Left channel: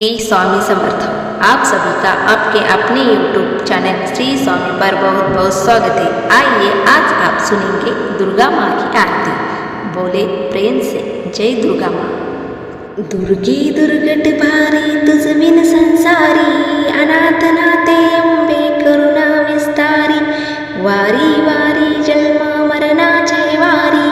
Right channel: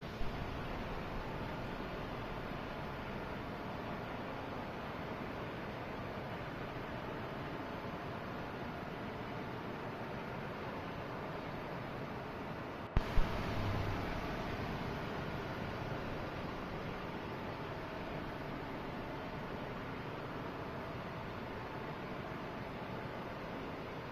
श्री स्वामी समर्थ। आप सभी का आपके अपने YouTube चैनल श्री स्वामी पर बहुत बहुत स्वागत है। आइए आज आप सुनेंगे दुर्गा माँ की आरती। बोले प्रेम से जय दुर्गा माँ। दुर्गे दुर्गट भारी तुझ बिन संसारी, अनाथ नाते अंबे करुणा विस्तारी, वारी वारी जन्मा मरणाचे वारी,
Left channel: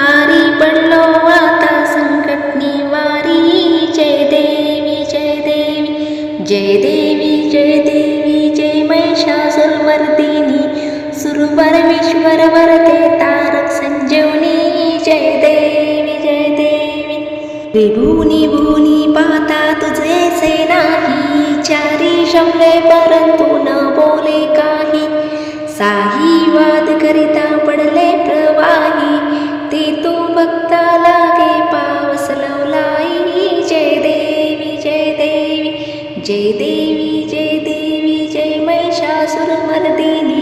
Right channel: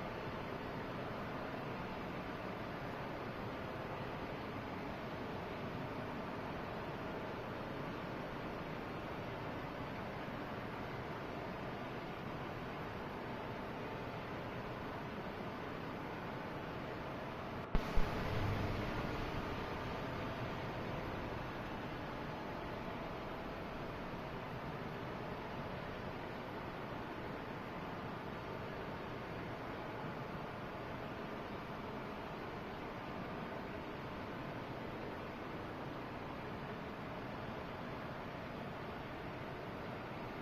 हारी पडलो आता संकट निवारी। जय देवी जय देवी जय देवी जय देवी जय महिषासुरमर्दिनी, सुरवर विश्वर वरते तारक संजीवनी। जय देवी जय देवी। त्रिभुवनी भुवनी पाहता तुझेसे नाही, चारी शमले परंतु न बोले काही, साही वाद करिता पडले प्रवाही, ते तू भक्ता लागे पावस लवलाई। जय देवी जय देवी जय देवी जय देवी जय महिषासुरमर्दिनी,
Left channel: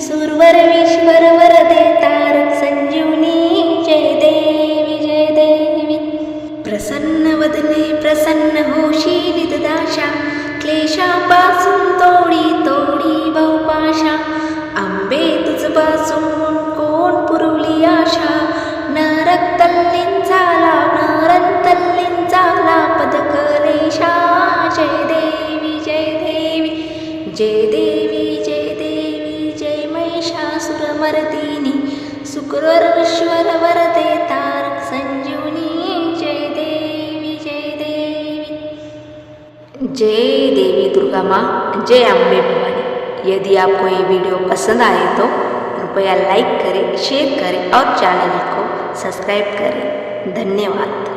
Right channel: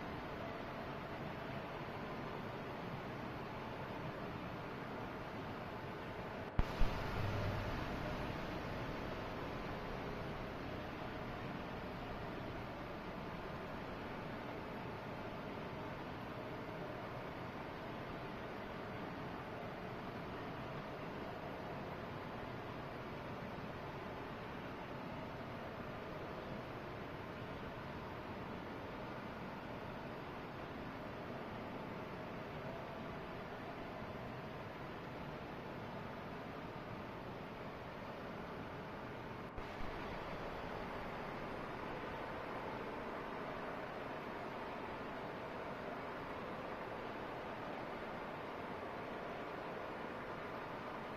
सुरवर विश्वर वरदे तारक संजीवनी। जय देवी जय देवी। प्रसन्न वदने प्रसन्न होशी दाशा, क्लेशापासून तोडी तोडी बहुपाशा, आंबे तुझपासून कोण पुरवली आशा, नरकतल्लीन झाला नरंतल्लीन झाला पदकलेशा। जय देवी जय देवी जय देवी जय देवी जय महिषासुरमर्दिनी, सुरवर विश्वर वरदे तारक संजीवनी। जय देवी जय देवी। जय देवी दुर्गा माँ, जय अम्बे भवानी। यदि आपको ये वीडियो पसंद आए तो कृपया लाइक करें, शेयर करें और चैनल को सब्सक्राइब करें। धन्यवाद।